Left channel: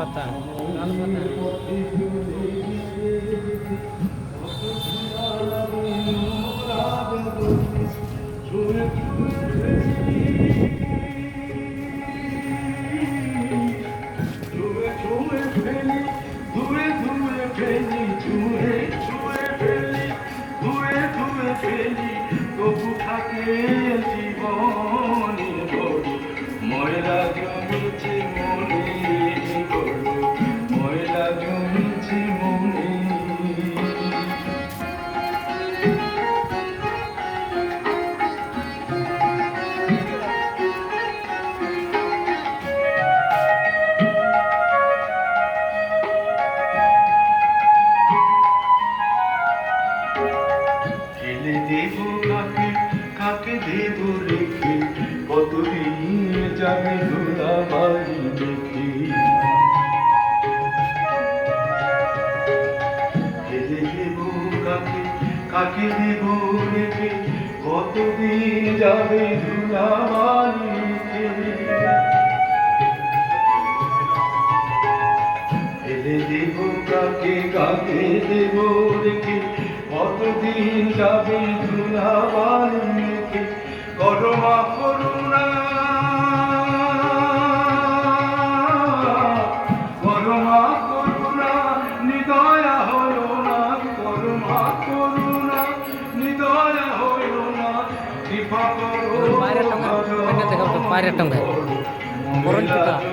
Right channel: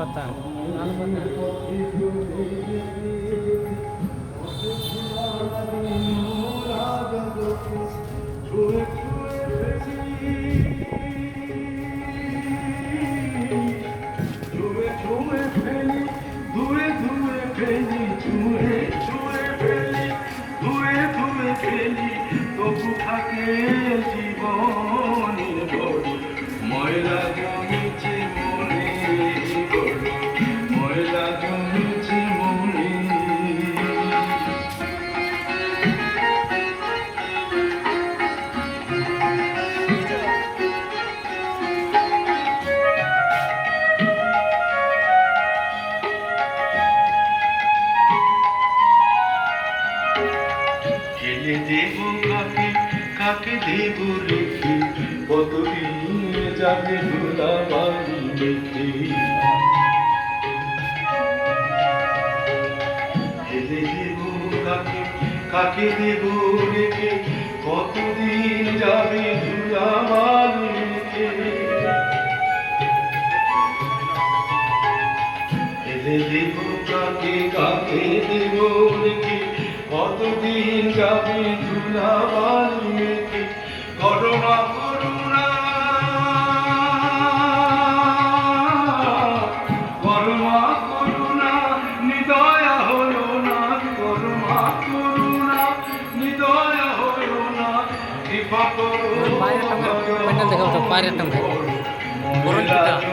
পাতা লাল পাতা ময়লা জমেছে মনে ময়লা জমেছে মনে ঢেলে দেব কাকে কাকে দেব রেখে কতদিন যাবে ধুলাবাড়ি দেখে ঢেলে দেব কাকে কাকে দেব রেখে কতদিন যাবে ধুলাবাড়ি দেখে ঢেলে দেব কাকে কাকে দেব রেখে কতদিন যাবে ধুলাবাড়ি মেখে করমা করুণা করমা করুণা নিদয়া হলো না করমা করুণা নিদয়া হলো না কৃপা করো বাইরে একটা ভাই